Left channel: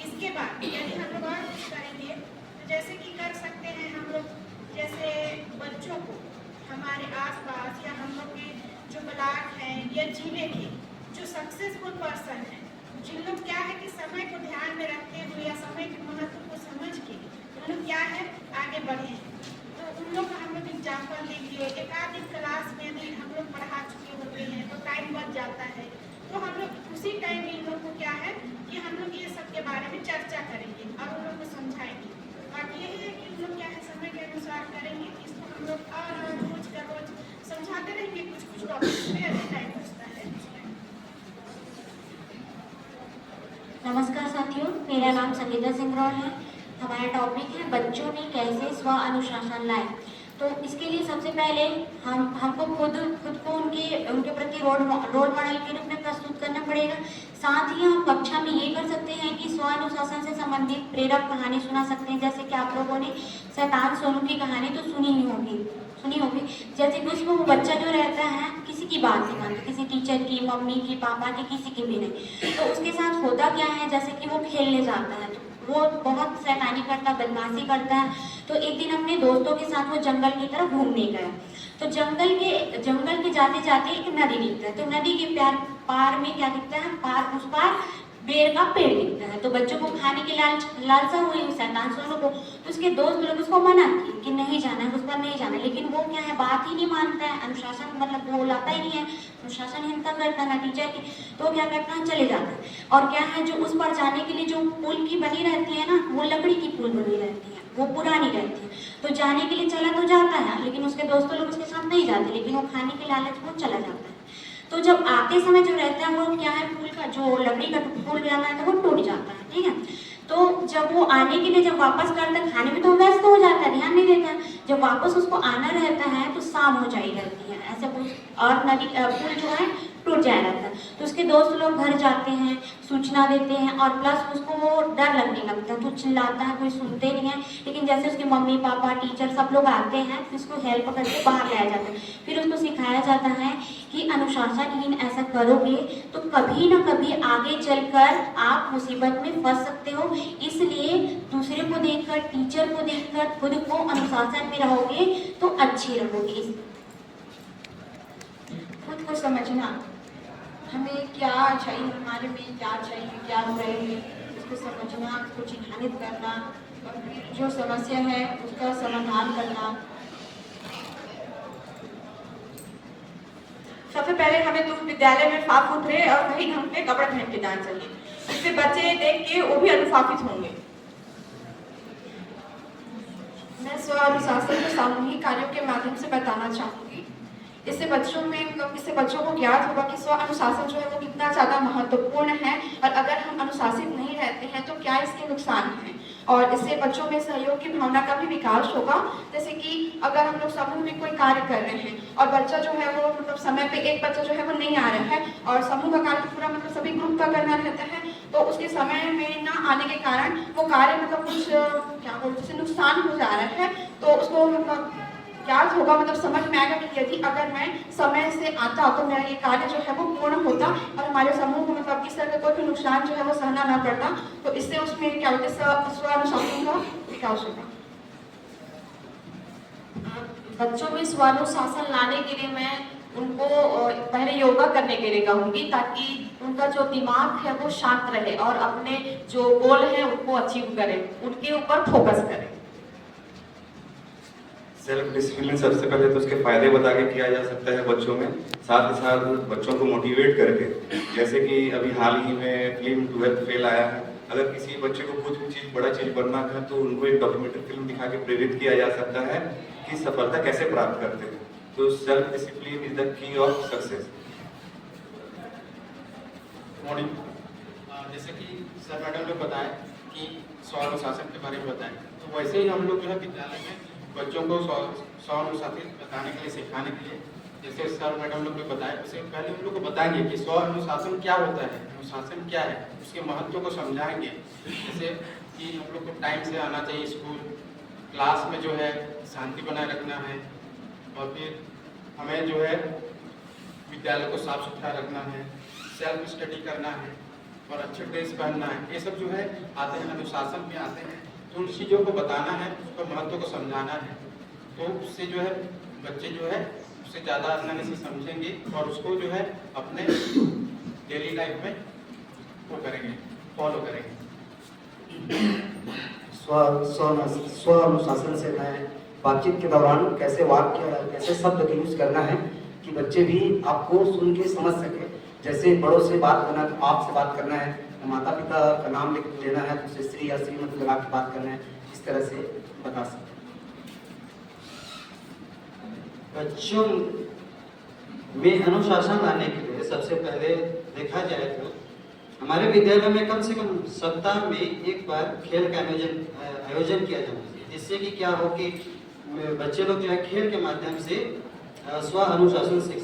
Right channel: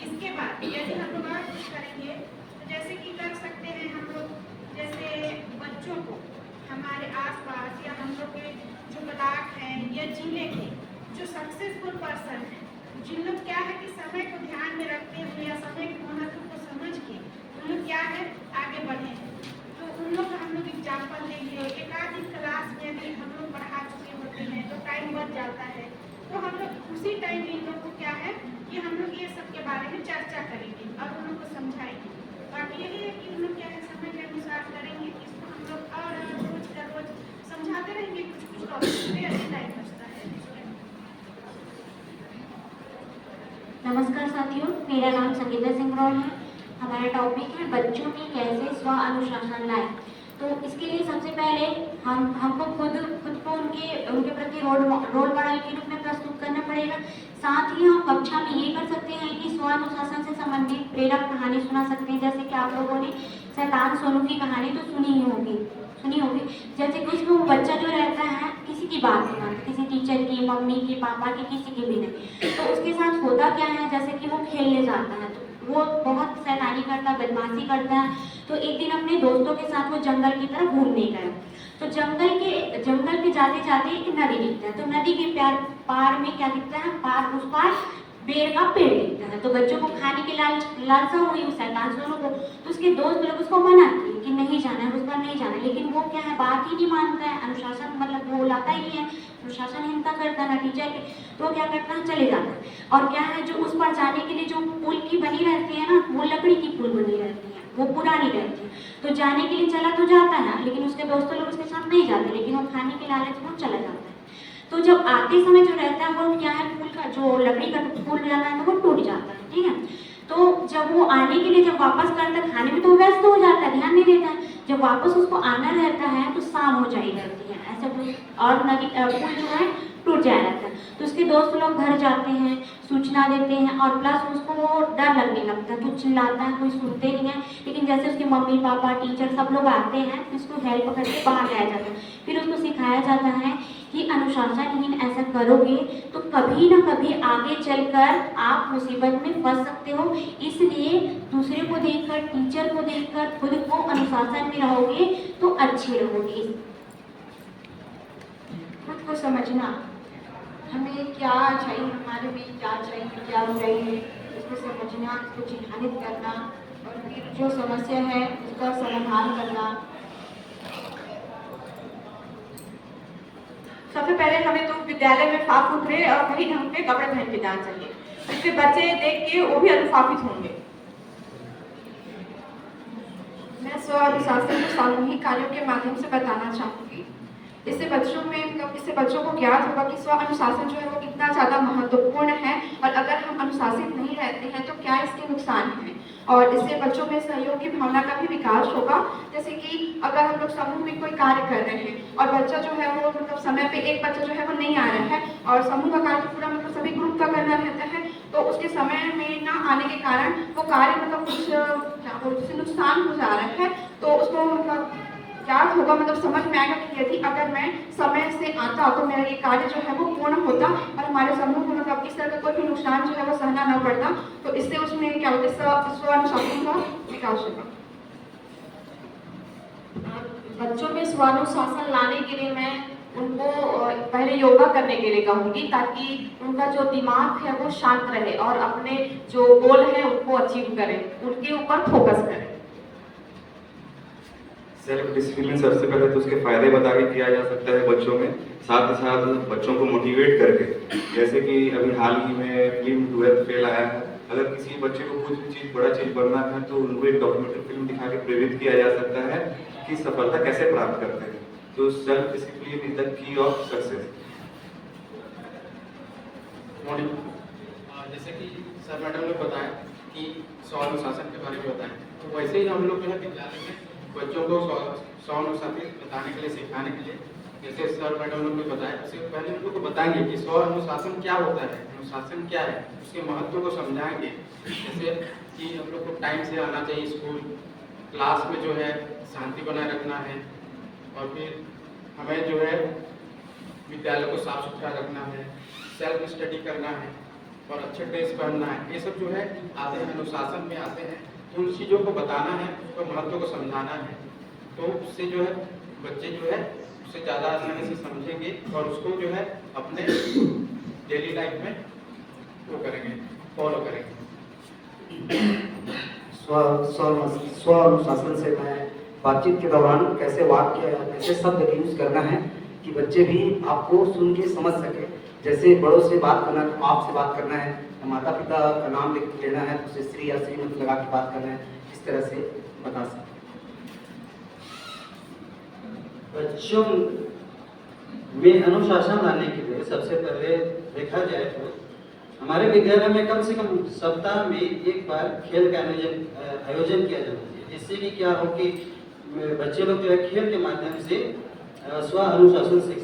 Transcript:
इसके बाद यदि हम लोग और कुछ करेंगे तो जैसे कि कर सकते हैं हम लोग, जैसे बच्चों को हमारे आसपास या हम लोग के जो ब्लॉक हैं या जिले के जो सक्सेसफुल पर्सन हैं, जिन लोग क्या है कि समय को ध्यान में रखते हुए या समय के महत्व को समझ के उन लोग क्या है आगे बढ़े हैं, तो उन लोग को हम लोग एग्जाम्पल देंगे। एक आध दिन क्लास में भी हम लोग पढ़ा चुके होते हैं तो टाइम बच जाता है, तो हम लोग उसी टाइम इन लोग को क्या है कि हम लोग ये सब के बारे में चर्चा करेंगे और उन लोग को समझाएंगे। बाकी यही है कि हम लोग क्या है समय के अनुसार करेंगे, इसको हम लोग और रोज का रोज समझाते रहेंगे कुछ कुछ टॉपिक पे, अधिक टाइम बचता है। नमस्कार साथियों, मेरा नाम संगीता सिंह रॉय है। हमारा टॉपिक है बच्चों में कैसे स्व अनुशासन लाएं। तो इसके लिए सबसे पहले हमको खुद को उनके प्रति रोल मॉडल के रूप में प्रस्तुत करना पड़ेगा। साथ ही हम कक्षा में ये कर सकते हैं कि स्व अनुशासन से संबंधित प्रेरक कहानी सुना सकते हैं। जैसे कि आप लोगों ने शैतान सोनू की कहानी तो सुनी होगी। जैसे कि उसमें वो बच्चा जो रहता है किसी की बात नहीं मानता, किसी टीचर की, मम्मी की, पापा की, किसी की भी नहीं। तो उसके साथ होता क्या है, जैसे कि वो खेलने जाता है तो वो बहुत शैतानी करता है, बदमाशी करता है। तो एक दिन अपने दोस्तों के साथ वो जंगल की तरफ घूमने गए। तो जंगल के जाते जाते एक नदी दिखता है। तो नदी के पार में क्या दिखता है, उस पार बेर का पेड़ दिखता है। तो बच्चों को खाने की लालसा हुई उस शैतान सोनू को। तो उसके दोस्त लोग उसको मना किए कि नहीं जाना है, उस पर नहीं जाना है। लेकिन वो क्या है, बात ही नहीं मानता है, अनुशासन मतलब वो लाता ही नहीं है, अनुशासनहीनता करता है टीचर के। तो वो क्या करता है, चले जाता है। और क्या है, जो उस पर जाने के लिए जो पुल की बनी रहती है ना, वो लकड़ी की पुल बनी रहती है, वो पुरानी रहती है। तो जाने के लिए चला तो जाता है, लेकिन उसके दोस्तों लोग उसके साथ नहीं जाते, लेकिन वो खाने के लालच वो चला जाता है। तो जब आते समय जो रहता है वो क्या है, पुल का जो लकड़ी का पुल रहता है वो टूट जाता है, ठीक है। तो जब वो आने के लिए जब वापस करता है, खाने में तो व्यस्त हो जाता है, ध्यान नहीं देता। जब वापस उसको आना रहता है तो शाम हो जाई रहती है, ऐसे और नदी पुल जो है टूट जाया रहता है। तो उसके दोस्त लोग घर जाते हैं, सूचना देते हैं, और प्लस उसको वो डर लगने लगता है, कुछ चिल्लाता है, कोई सुनते नहीं है। लेकिन जैसे उसके मम्मी पापा टीचर सब लोग आते हैं तो उसको हेल्प करके बाहर लाया जाता है। फिर उसको सिखाया जाता है कि अनुशासनहीन ऐसा करोगे तो कभी ना कभी आगे चलकर आप मुसीबत में फंस सकते हो। इसलिए दूसरे को देखकर, टीचर को देखकर खुद को अनुशासन में रहोगे तो अच्छे रहोगे। खुद को समझना, हमें क्या चाहिए, हमारे में क्या चाहिए, क्या बुराई है, उसको समझना, उसको चिन्हित करना, और फिर जो समस्या है उसका समाधान करना। सबसे पहले हमें तो विद्यालय में साफ सुथरे और सही ढंग के कपड़े पहन के जाना चाहिए, जिससे बच्चे देख के वो भी अनुशासित होंगे। मैं स्व अनुशासन को सामूहिक कार्यों के माध्यम से बताना चाहूँगी। इससे बच्चों को ज्ञात होगा कि स्व अनुशासन जो है वो कितना ज़्यादा महत्वपूर्ण है, और अगर हम अनुशासित नहीं रहते हैं तो क्या इसके नुकसान हैं। और इससे बच्चों में सहयोग की भावना का भी विकास होगा। जैसे कि अगर हम लोग समूह में कोई कार्य कर रहे हैं और बच्चा जो है वो मतलब समय पे एक बच्चा जो है वो नहीं आ रहा है, और समूह का कार्य पूरा मतलब सभी ग्रुप का करना रहता है, तो उसके समय में ना आने के कारण वो कार्य मतलब कुछ क्या बोलते हैं नुकसान हो जा रहा है। तो उसको मतलब याद होगा, मतलब समझ में आएगा कि यदि अगर मैं समय से आता तो मेरा ये कार्य जो है वो पूर्ण होता, और हमारे समूह को मतलब इस तरह का कोई भी नुकसान जो है वो सहना ना पड़ता। तो इससे उसमें क्या होता है, स्व अनुशासन का विकास होगा। बच्चों में स्वानुशासन लाने के लिए मैं उनको पहले योगा करने के लिए कहूँगी, ताकि उनका जो दिमाग है वो शांत रहे और अपने जो गोल है उनको अचीव करें, उनके ऊपर फोकस करें। सेल्फ डिसिप्लिन सबसे पहले तो उसके फायदे बता के किया जा सकता है बच्चों में, साथ ही साथ बच्चों को मोटिवेट करके। जैसे कि अभी हाल ही में फिल्म 12th फेल आया है, अगर किसी बच्चे को कुछ चीज़ बड़ा चीज़ बनना है तो उनको एक डॉक्यूमेंट्री फिल्म दिखा के प्रेरित किया जा सकता है कि सफलता कैसे प्राप्त करते हैं। तो self discipline is the key of success. Morning, जैसे कि सर मैडम ने बताया कि स्वानुशासन के बारे में बताएं, तो वैसे ही हम लोग जो है विद्यालय में बच्चों को स्वानुशासन बताने के लिए, सिखाने के लिए, जैसे सर मैडम लोग ने बताया, उससे पहले हम लोग को बताएंगे कि स्वानुशासन क्या होता है, अनुशासन क्या है, उसके महत्व को समझाएंगे। जैसे कि हम लोग को टाइम से आना चाहिए स्कूल, क्लास में जो है शांति बनाए रखना है, और फिर हमें जो है विद्यालय को साफ सुथरा रखना है, सेल्फ स्टडी करना है, और अच्छे ड्रेस पहनना है, ये सब जो है आते हैं, अनुशासन में आते हैं। तो उन चीज़ों को बताना है, उसको महत्व को समझाना है, तो उससे जो है बच्चे जो है उससे ज़्यादा आसानी से समझेंगे और उसको जो है अपने डेली लाइफ में वो करेंगे, फॉलो करेंगे। स्व अनुशासन से मैं बातचीत के दौरान कैसे वाक्य, कैसे शब्द का यूज करना है कि बच्चे भी आपको सुन के समझ सके। जैसे बड़ों से बात करना है तो आप से बात करना है, माता पिता का नाम लेना है तो उसे श्री या श्रीमती लगा के बात करना है, इस तरह से बता सकते। बच्चों में अनुशासन लाने के लिए सबसे पहले देखा जाए तो हमारे विद्यालय में कम से कम सप्ताह में एक बार खेल का आयोजन किया जाना चाहिए, जिससे कि क्या हो कि बच्चे लोग जो है खेल के माध्यम से स्व अनुशासन सीख